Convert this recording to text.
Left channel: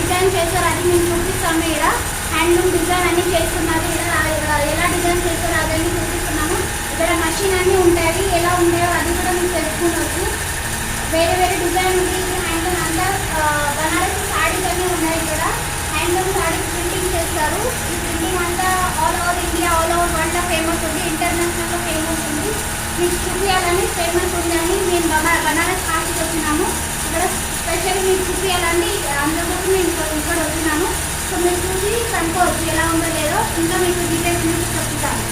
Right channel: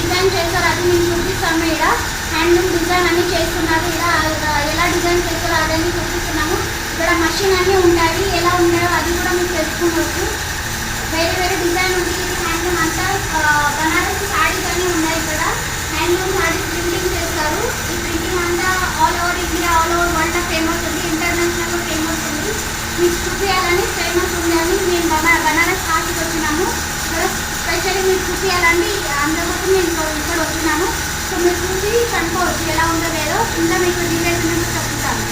Design చేస్తారు, అది మేము చూపిస్తాము. ఇక్కడ హ్యాండ్లూమ్ డిజైన్ అన్ని చేస్తున్నారు. ఇక్కడ ఎలా డిజైన్ చేస్తారో అదని చూపిస్తున్నాము. ఇక్కడ మషిన్ అన్నీ ఉంటాయి, ఎలా ఉంటాయో అది కూడా మీకు తెలుసుకోవచ్చు. వేరే వేరే డిజైన్ ఉంది. ఇది హ్యాండ్లూమ్ అంతా బనారసి శారీస్ అన్నీ ఉన్నాయి. ఇక్కడ హ్యాండ్లూమ్ శారీస్ ప్రింటింగ్ చేస్తారు. ఈ ప్రింటింగ్ అంతా all over India, all over world famous ఉంది, ఇంటర్నేషనల్గా ఫేమస్ ఉంది. మీకు చూపించాలని ఫేమస్ ఉందని మేము బనారస్ శారీకి వచ్చినాము. ఇక్కడ స్పెషల్లీ మీకు చూపించాలండి, అందుకోసం మేము ఇక్కడ వచ్చినాము. సో మీరు చూసి కనుక్కోవచ్చు ఎలా ఉందో లేదో. ఇంకా మీకు డీటెయిల్స్ మీకు చెప్తాను.